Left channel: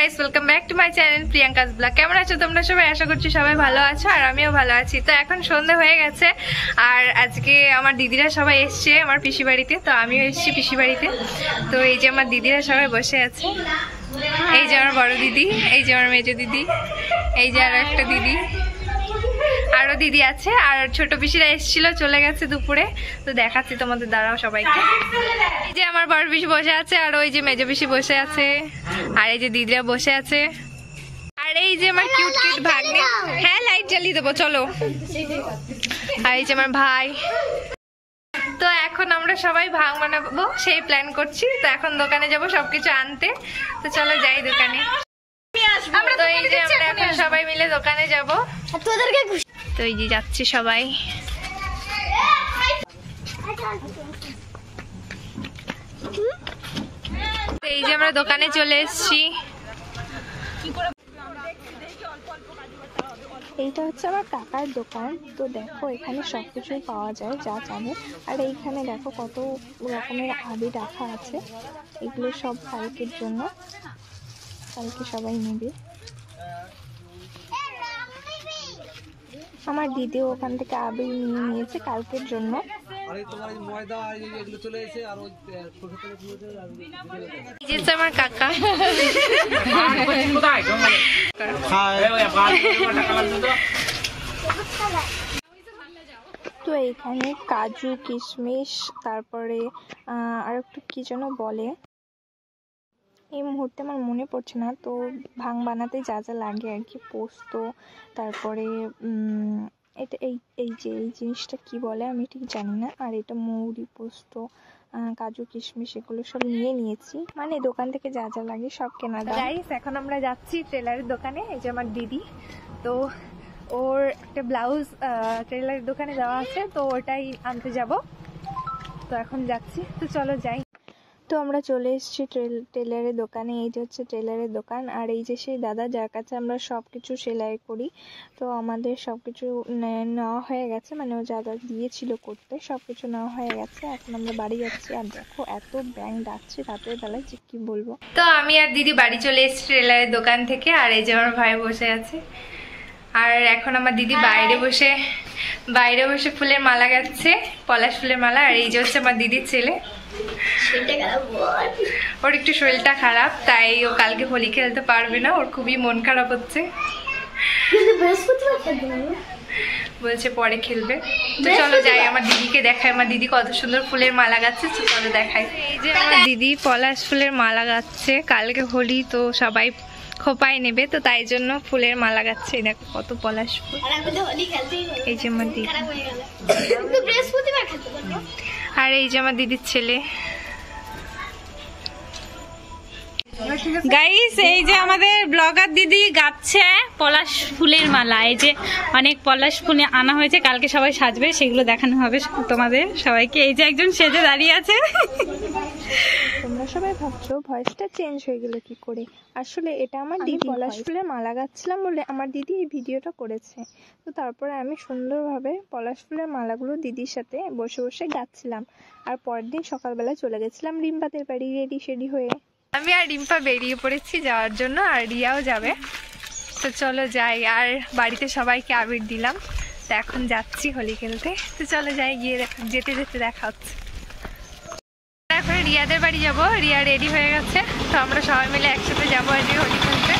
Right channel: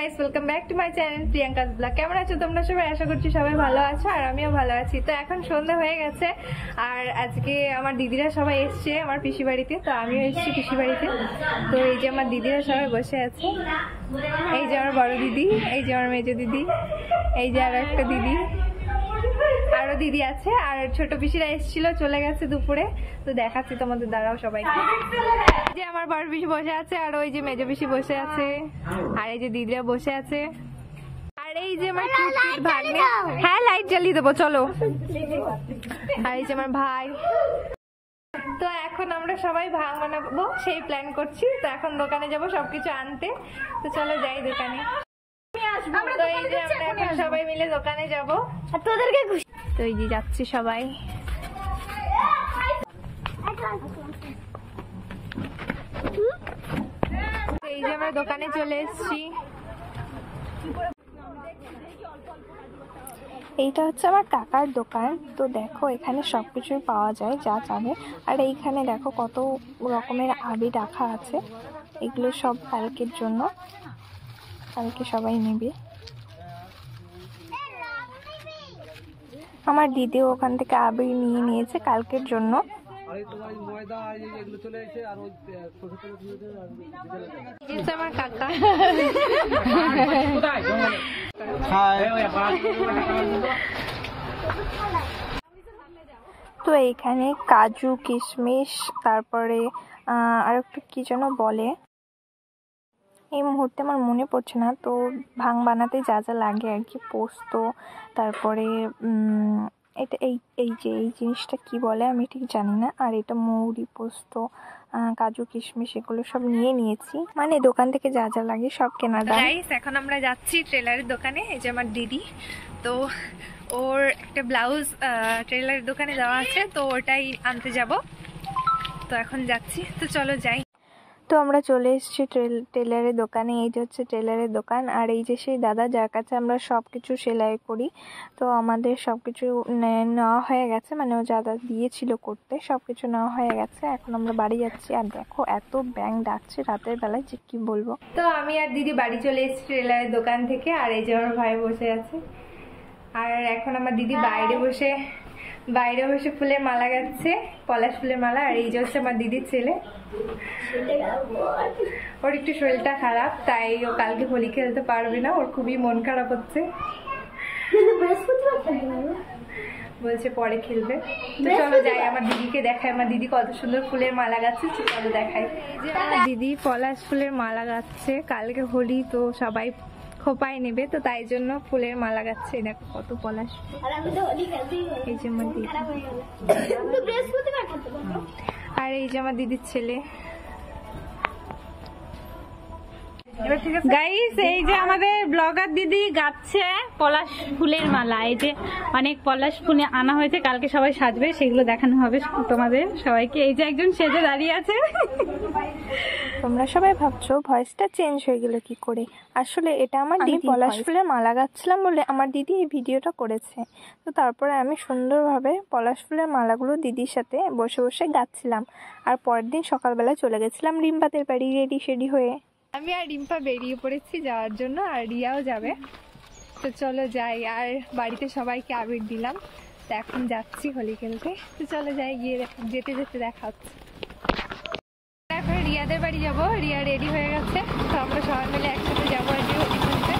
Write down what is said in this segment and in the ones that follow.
Guys, welcome back to my channel Priyanka's blog. কেমন আছো তোমরা সবাই? আশা করছি সবাই ভালো আছো আর আমিও ভালো আছি। তো এখন সন্ধ্যা হয়ে গেছে আর আজকে আমার দিদিরা সবাই এসছে আমার পিসি বাড়িতে, তো আমিও এসছি পিসি বাড়িতে। তো এই যে আমার দিদিরা সবাই বসে আছে, এই যে আমার বড় দিদি, এই যে আমার মেজো দিদি, এই যে আরো একটা দিদি, আরো দিদি আছে আর ছোট পিসিরা এসেছিল, চলে গেছে দুপুরে। তো দেখাচ্ছি তোমাদের, দাঁড়াও সবাইকে। এই যে আমার বড় পিসি বসে আছে আর ওই যে মেজো পিসি বসে আছে আর এই যে দিদিরা বসে আছে আর এই যে আমার কিউট কিউট ভাগ্নে। হ্যাঁ, লাইট জ্বালিয়ে দেবো, চলো। আর এই যে আমার ভাই। তো এখন আমরা সবাই ভাং বানাবো সেই প্ল্যান করছি। তো এখন দোকানে যাব সবকিছু আনতে। তো চলো যাই দোকানে। তো এই যে আমরা এখন সবাই মিলে দোকানে যাবো। তো এই যে যাচ্ছি সবাই। এই যে আমরা দোকানে চলে এসেছি। এইটা হচ্ছে আমার কাকার দোকান। তো দেখো এখানে সবকিছু পাওয়া যায় যা চাবে। আর এইখানে দেখো কত রকমের আবির রাখা আছে, এগুলো সব কালকের জন্য, কালকে সবাই নেবে। আমার দিদিও ওখান থেকে আবির নিয়ে নিয়েছে কালকের জন্য। আমার কাকা তো এইখানে কাজু কিশমিশ তারপরে আর একটু কি যেন বলে, এই মুহূর্তে আমার মনে পড়ছে না। তো ভাং বানাতে যা যা লাগে আর কি, পোস্ত, তারপরে এটা এই যে এই জিনিসটা কি বলে আমি ঠিক জানি না। আর এটা মৌরি, পোস্ত, কাজু কিশমিশ এগুলো সব নিয়ে নিয়েছি, মানে দোকান থেকে যা যা লাগে সব কেনা দাম। গাইস, এখন আমরা যাচ্ছি টেলারের দোকানে। এই যে আমার দিদি, তো ওর একটা ব্লাউজ টেলারের দোকানে দেওয়া আছে, তো ওটাই আনতে যাব। তো এখন যাচ্ছি, তো চলো যাই। তো আমরা চলে এসেছি টেলারের দোকানে। এই যে হচ্ছে টেলারের দোকান আর এই যে সেই দাদা যার কাছে আমরা সব কিছু সেলাই করি। তো আমাদের সব কিছু নেওয়া হয়ে গেছে, মানে ও দাদা দিয়েছিল করতে, সব কিছু নেওয়া হয়ে গেছে। এখন আমরা বাড়ি যাচ্ছি। আর দেখো এত ব্যাঙ ডাকছে রাতের বেলায় যে কি বলবো। তো আমি আর দিদি বাড়ি চলে এসেছি টেলারের দোকান থেকে। আর এই যে আমার ভাই বসে আছে আর এখন আমার দিদি বাইরে বসে ফুলের মালা গাচ্ছে, পলাশ ফুলের মালা। আর এই যে হচ্ছে আমার দিদির ছেলে, ওর একটু শরীরটা খারাপ, তাই ও কালকে হোলি খেলতে পারবে না, ওর খুবই মন খারাপ হচ্ছে, বলছে পরে খেলবে। তো চলো যাই, আমার দিদিকে দেখাই আমার দিদি কত সুন্দর ফুলের মালা গাচ্ছে। চলো দেখাই। এই যে আমার দিদি পলাশ ফুলের মালা গাচ্ছে, কালকে হোলি তো সবাই খোপায় নেবে, তো তাই জন্য ফুলের মালা গাচ্ছে। দেখো কত পলাশ ফুল। এই যে আমার দিদি আর এই যে আমার দিদির ছেলে। গাইস, এই যে আমাদের ব্লগার দিদি গাচ্ছে পলাশ ফুলের মালা। এই যে অনেক পলাশ ফুল আনা হয়েছে, কালকে সবাই সাজবে, সেগুলো দেখানো হবে তোমাদের সবাইকে। এই যে একজন সেজে দাঁড়িয়ে আছে। তোমরা সবাই ভাবছো ভয়েসটা চেঞ্জ হয়ে গেল কি করে, আসলে এটা আমার দিদি পলাশ ফুলের মালা গাচ্ছিলাম বলে আমার দিদি এই ভিডিওটা করেছে। তো তারপরে আমি সুন্দরভাবে পলাশ ফুলের মালাগুলো দিদির সাথে বসে বসে গাচ্ছিলাম। আর পরের দিন সকালবেলা চলে গেছিলাম রিম্পাদের বাড়ি রেডি শেডি হয়ে। আমি আর রিম্পা বেরিয়ে পড়েছি যাওয়ার জন্য, আর রিয়াও যাবে। তো চলো যাই। আর বাড়িতে সবাইকে আবির দিলাম, তো এখন যাচ্ছি হোলি খেলতে। তো চলো যাই, গিয়ে যেতে যেতে দেখা হচ্ছে। এখন রিয়াদের বাড়ি যাব, রিয়া রেডি হয়ে গেছে, তো আমরা সবাই মিলে একসাথে যাবো আজকে হোলি খেলতে।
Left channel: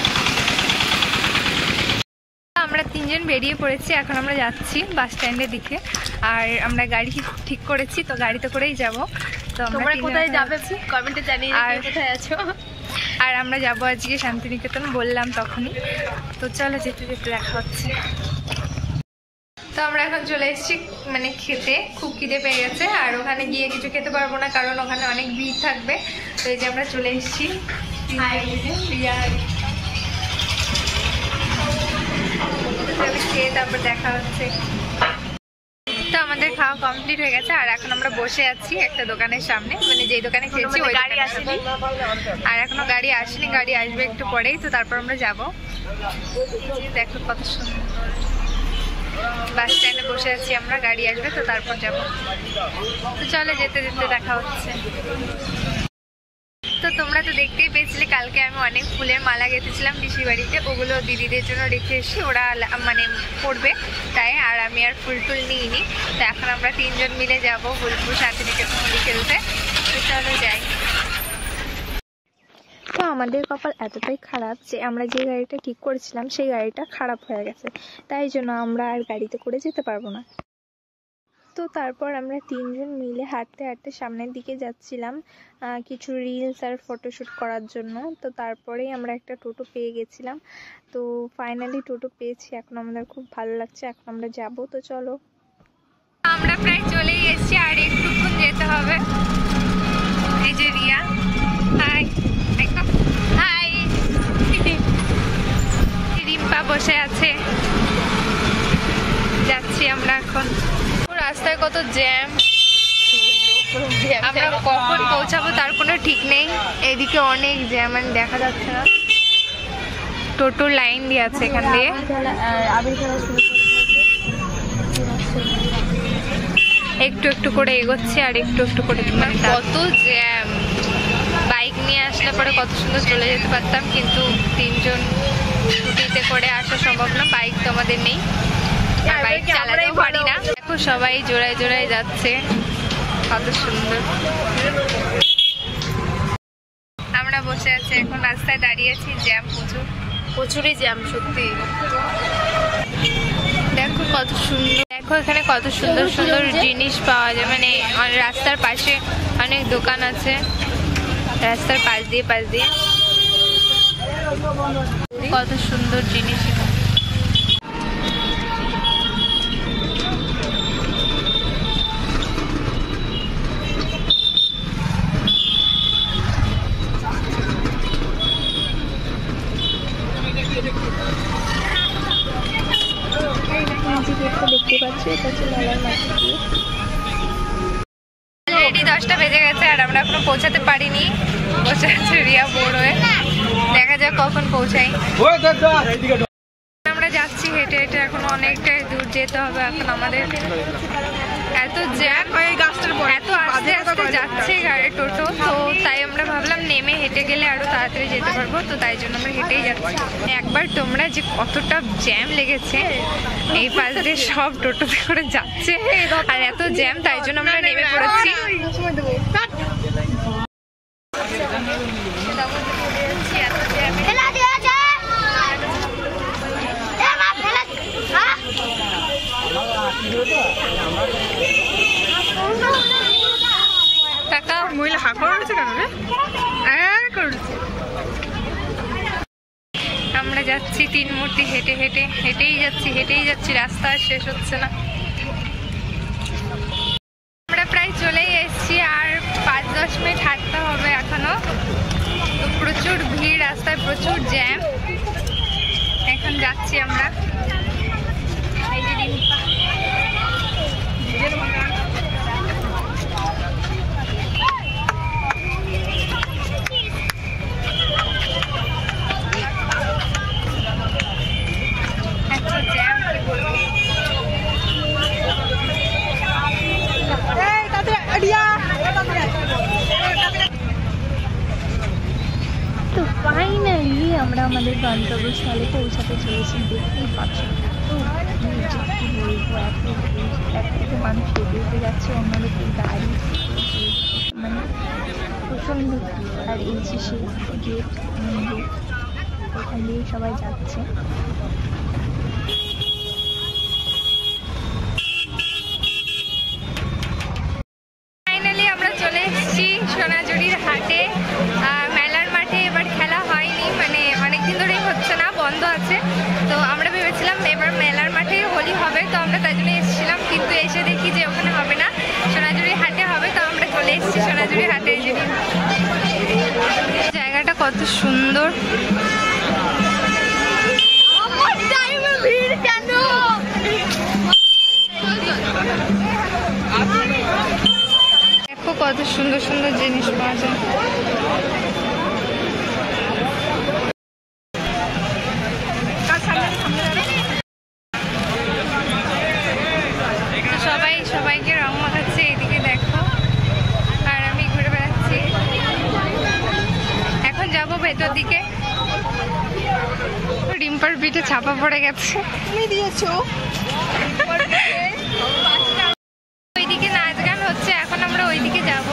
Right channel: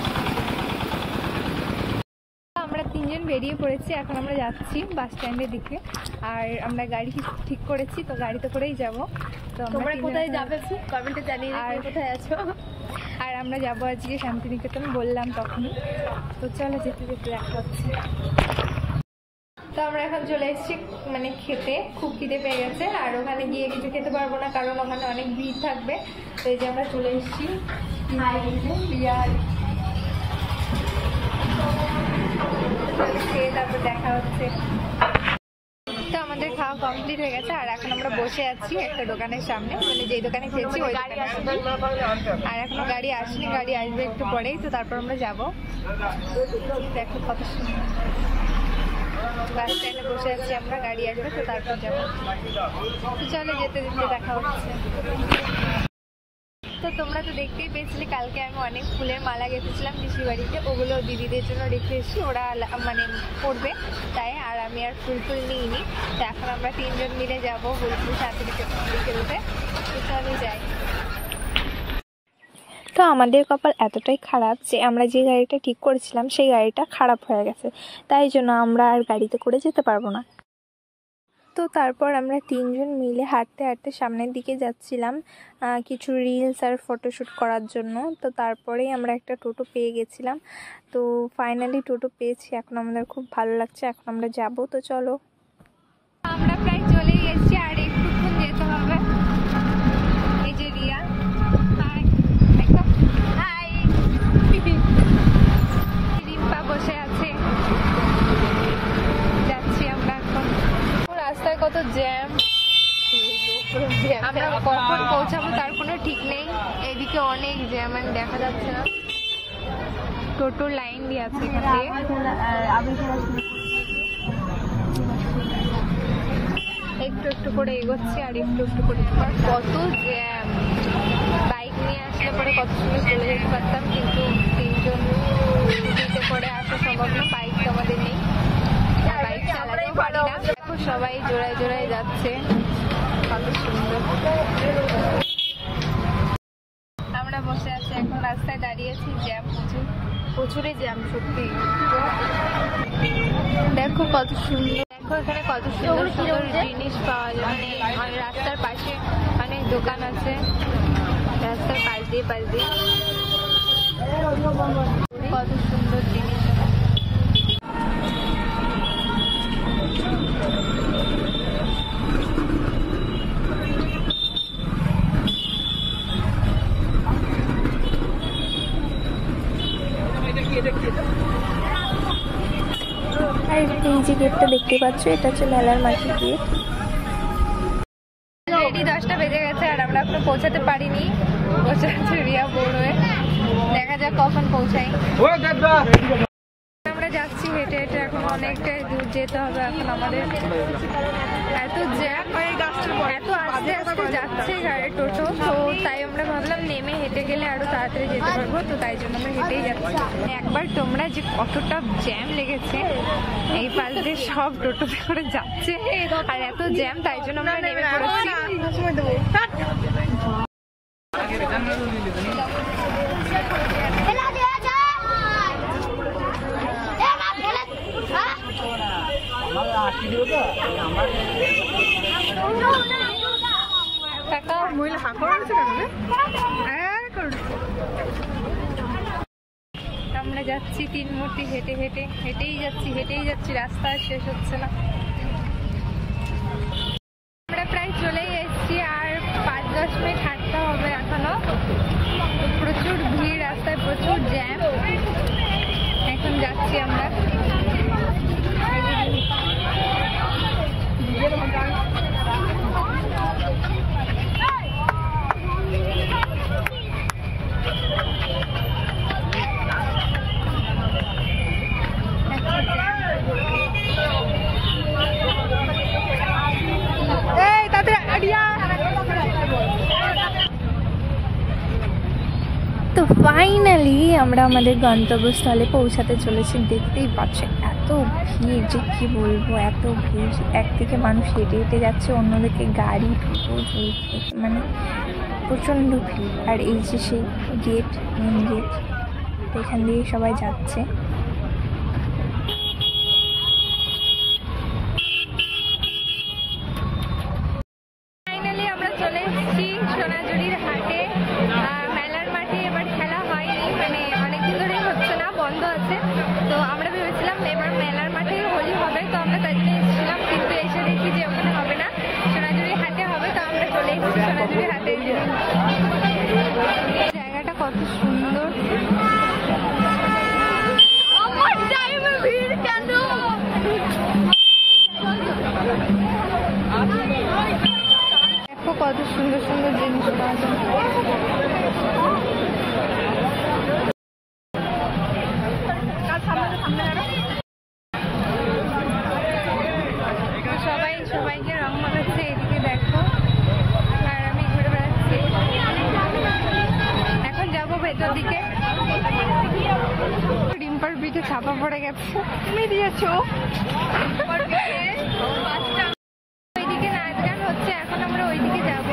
আমরা তিনজন বেরিয়ে পড়েছি, এখন আমরা যাচ্ছি বাস স্ট্যান্ডের দিকে। আর আমরা গাড়ি ঠিক করেছি, তো গাড়িতে করেই যাব। তো আমরা কোথায় যাবে কমেন্টে জানিয়ে, আর কোথায় আছো। আর আমরা যাবো আজকে শান্তিনিকেতন, বললাম তখনই। তো চলো যেতে যেতে দেখা হচ্ছে। তো আমরা এখন চলে এসেছি মানে খেতে, খুব খিদে পেয়ে গেছে। আর ওখানে গিয়ে কিছু খেতে পারবো না, কারণ ওখানে অনেক ভিড় থাকবে। তো এই যে আমরা চলে এসেছি, খেয়ে তারপর দেখা হচ্ছে। তো আমাদের খাওয়া কমপ্লিট হয়ে গেছে আর এখন আমরা বসে আছি একটা দোকানের সামনে, মানে যেই দোকানে খেয়েছি ওই গাড়ি আসেনি। আর এখনো গাড়ি আসেনি, গাড়ি আসবে একটু পরেই, তো তারপর আমরা যাবো। দেখো কত সুন্দর বাস স্ট্যান্ডে বসে আছি আমরা, গাড়ি আসবে তো তারপর যাবো। তো চলে যেতে যেতে দেখা হচ্ছে। তো তোমরা তো দেখতেই পেয়েছিলে কালকে আমি অনেক ফুলের মালা গেঁথেছিলাম পিসি বাড়িতে, ওগুলো দিদিদের জন্য রেখে এসেছি, ওরা মানে পড়বে তাই। আর আমি আর ফুল টুল নিইনি। তো এখন আমরা 3 জন মিলে যাবো বোলপুর শান্তিনিকেতন খেলতে। চলো যাই। তো আমাদের কপাল এতটাই খারাপ যে আমরা যে গাড়িটা ঠিক করেছিলাম সেই গাড়িটা খারাপ হয়ে গেছে, তাই জন্য আমরা আর গাড়িতে করে যেতে পারবো না। তো তারপর আমরা 3 জন মিলে হাঁটতে হাঁটতে সামনের দিকে যাচ্ছিলাম কিছু রিলস আর ফটোশ্যুট করার জন্য। তো তারপরেই আমরা একটা টোটো পেয়ে গেছিলাম। তো ফাইনালি টোটো পেয়েছি, এখন আমাদের খুব ভালো লাগছে, এখন আমরা যাব। তো চলো, আমরা প্রায় চলেই এসেছি, আর একটুক্ষণ যেতে হবে। এই যে রিয়া, হাই হাই, রিম্পা বসে আছে। যাচ্ছি আমরা এখন। রাস্তায় কত জ্যাম, আমরা কখন পৌঁছাবো তার কোনো ঠিক নেই। এদিকে অনেক জ্যাম, মানে দেখা যাচ্ছে না। টোটো লাইন দিয়ে আছে এখান দিয়ে। একটু একটু করে এগোচ্ছে আর একটু একটু করে। কত জ্যাম, বাইক নিয়ে আসলে পরে কত সুন্দর চলে যেতে পারতাম, কিন্তু 3 জন স্কুটিতে করে আসা সম্ভব না, বাইক তো আমাদের নেই, আর বাইক চালাতেও পারি না। দেখো সবাই জোড়ায় জোড়ায় যাচ্ছে, কত সুন্দর। আমরা বসে আছি এখন, রাস্তায় দাঁড়িয়েছি, জ্যাম প্রচুরই জ্যাম সত্যি। দেখো কত সুন্দর, দেখো এখানে কত সুন্দর সুন্দর জিনিস পাওয়া যায়, মানে রাস্তার পাশে অনেক দোকান আছে, রাস্তার পাশ দিয়ে কত সুন্দর জিনিস। এই যে গেটটা দেখতে পাচ্ছ, এটা হচ্ছে মেলার মাঠে গেট। অলরেডি 10টা বেজে গেছে আর আমরা এখনো পৌঁছাতে পারিনি। বসে আছে রিয়া বোর হয়ে, দেখা যাক কখন পৌঁছাই। আমরা যাচ্ছি হেঁটে হেঁটে, এখন অনেকটাই দূর যেতে হবে এখন আমাদের। এত জ্যাম, এত আস্তে আস্তে যাচ্ছে গাড়ি টোটো, তো তাই আমরা ভাবলাম নেমে হেঁটে গেলে আরো তাড়াতাড়ি যেতে পারবো, তো তাই জন্য আমরা হেঁটেই যাচ্ছি। একবার তোমরা যে কতটা জ্যাম লেগেছে, এই পাশ দিয়ে সব টোটোতে করে যাচ্ছে আর এত জ্যাম, তাই জন্য আমরা নেমে পড়েছি। কাকা মহিলা হাঁকা রয়েছে কেন রে? আমরা যাচ্ছি 3 মূর্তি হেঁটে হেঁটে, হেঁটেই যাচ্ছি, রাস্তা আর শেষ হচ্ছে না। আমরা প্রায় চলেই এসেছি, আর 5-10 মিনিট হাঁটতে হবে এখনো। তো প্রচুর ভিড় রাস্তায়, প্রচুর জ্যাম। এখন যাচ্ছি আমরা। এই যে তো ফাইনালি আমরা আমাদের গন্তব্যস্থলে পৌঁছাতে চলেছি। দেখতেই পাচ্ছেন এত ভিড় যে কী বলবো, এত ভিড়। একদিকে মানুষ হেঁটে হেঁটে যাচ্ছে, অন্যদিকে গাড়ি, মানে প্রচণ্ড ভিড়। আর এই যে সেই গেট, মেন গেট, এখান দিয়ে সবাই যাচ্ছে। ফাইনালি আমরা চলে এসেছি সোনাঝুরির হাটে, মেলার মাঠে। এবার খেলা হয়নি, মানে অনেকদিন ধরেই হচ্ছে না, বন্ধ আছে। তো আমরা ভেবেছিলাম এবার মেলার মাঠে হোলি হবে, তো আমরা তাই জন্য এসেছিলাম, কিন্তু এসে দেখি যে ওখানে হবে না, সোনাঝুরির হাটে হবে। তো আমরা চলে এসেছি সোনাঝুরির হাটে। জায়গাটা কত সুন্দর, দেখো কত সুন্দর সুন্দর জিনিস পাওয়া যায়। সবাইকে রং মাখাচ্ছে, এদিকে দেখো, আর আমি ঘুরে বেড়াচ্ছি। যাব ভেতর দিকে। রিম্পার পিঠে ছাপা পড়ে গেছে, তুমি দিয়েছো। ওইদিকে নাচ গান হচ্ছে, এখন আমরা ওইদিকে যাব।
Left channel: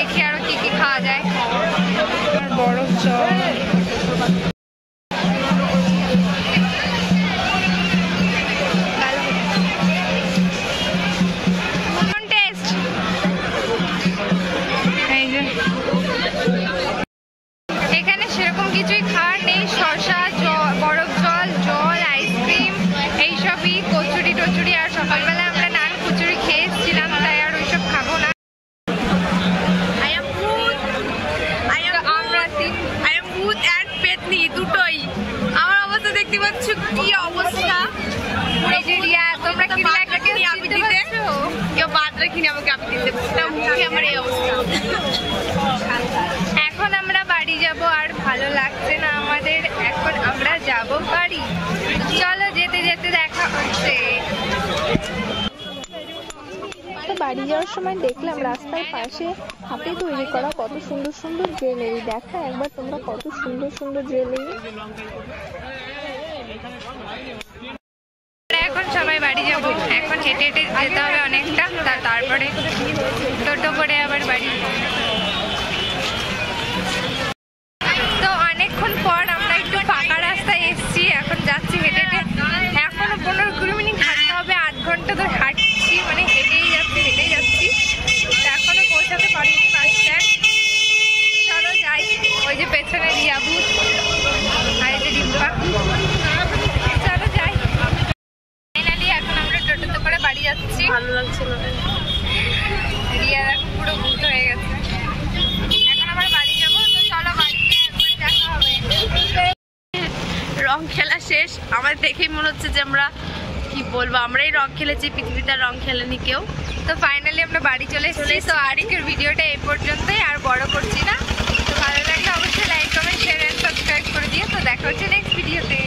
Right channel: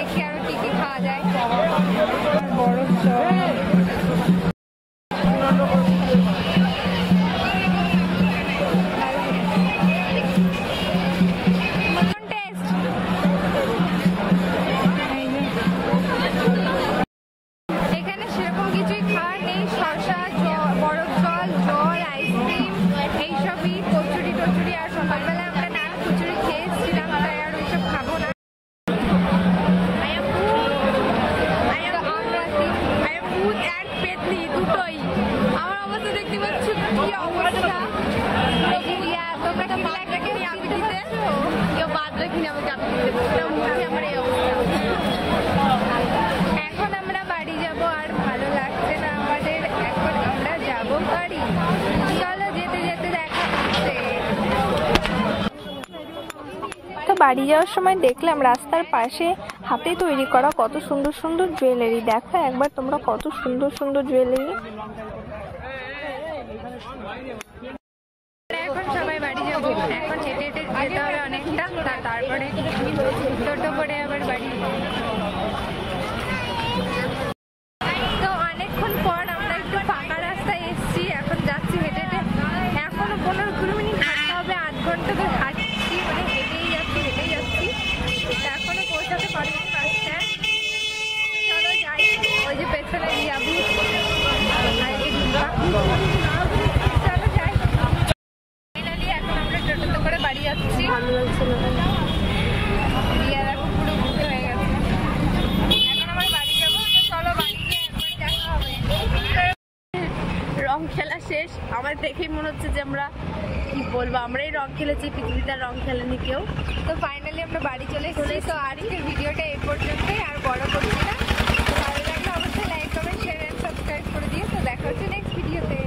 দেখি আরো কি কি খাওয়া যায়। বরফ জল, এখানে সেরকম কিছুই খাওয়ার নেই। শসা, বরফ জল, জল, আইসক্রিম এইসবই, কচুরি টচুরি। আর সকালবেলা আমরা নান কচুরি খেয়ে এসেছিলাম, তাই আর ওইসব খাবো না। দুটোই আমার অবস্থা দেখতে পাচ্ছ, কি অবস্থা। তোমরা কি লাগবে আমি দিতে, কেউ বাদ রাখিনি আমাকে আমি দিতে, মুখে আমার এই অবস্থা। এখন আমরা বাড়ি যাব, আর ভালো লাগছে না আমাদের, এখন আমরা যাব বাড়ি। চলো যেতে যেতে দেখা হচ্ছে। তো বাড়ি যাওয়ার সময় দেখলাম রাস্তার পাশে হাতে তৈরি করা কত সুন্দর সুন্দর জুয়েলারি। দেখো একবার তোমরা কত সুন্দর সুন্দর জুয়েলারি। এখন সবাই বাড়ি যাব, এখন হেঁটে হেঁটে যেতে হবে অনেকটা, তারপরে টোটো করে আবার বাড়ি। তো অনেকক্ষণ পর আমরা একটু ফাঁকা রাস্তায় এসেছি, এখন যাচ্ছি হেঁটে হেঁটে। এখনো 15-20 মিনিট হাঁটতে হবে, 8 ঘন্টা ধরে হাঁটছি, মানে হেঁটেই যাচ্ছি। এখনো পৌঁছাতে পারিনি বাস স্ট্যান্ড। চলো যাই। ওই যে পেছনে রিয়াবু আর এই যে রিম্পা, চলো যাই। ফাইনালি এখন আমরা টোটোতে করে বাড়ি যাচ্ছি। ভালো লাগছে না, রিয়া দেখো পুরো বুকে হয়ে গেছে। এখন আমরা বাড়ি যাবো, তো চলো বাড়িতে একবার দেখা হবে। রং খেলা শেষ, আমার দেখেই মনে হচ্ছে যে আমরা কি বলবো, আমরাই রং খেলেছি, পৃথিবীতে রং খেলেনি কেউ। তো ফাইনালি আমরা বাড়ি চলে এসেছি। তো আজকের ভিডিওটা এই পর্যন্তই, আর বড় করছি না। তো ভালো লাগলে অবশ্যই like, comment, share and subscribe করে দিও। তো দেখা হচ্ছে নেক্সট ভিডিওতে।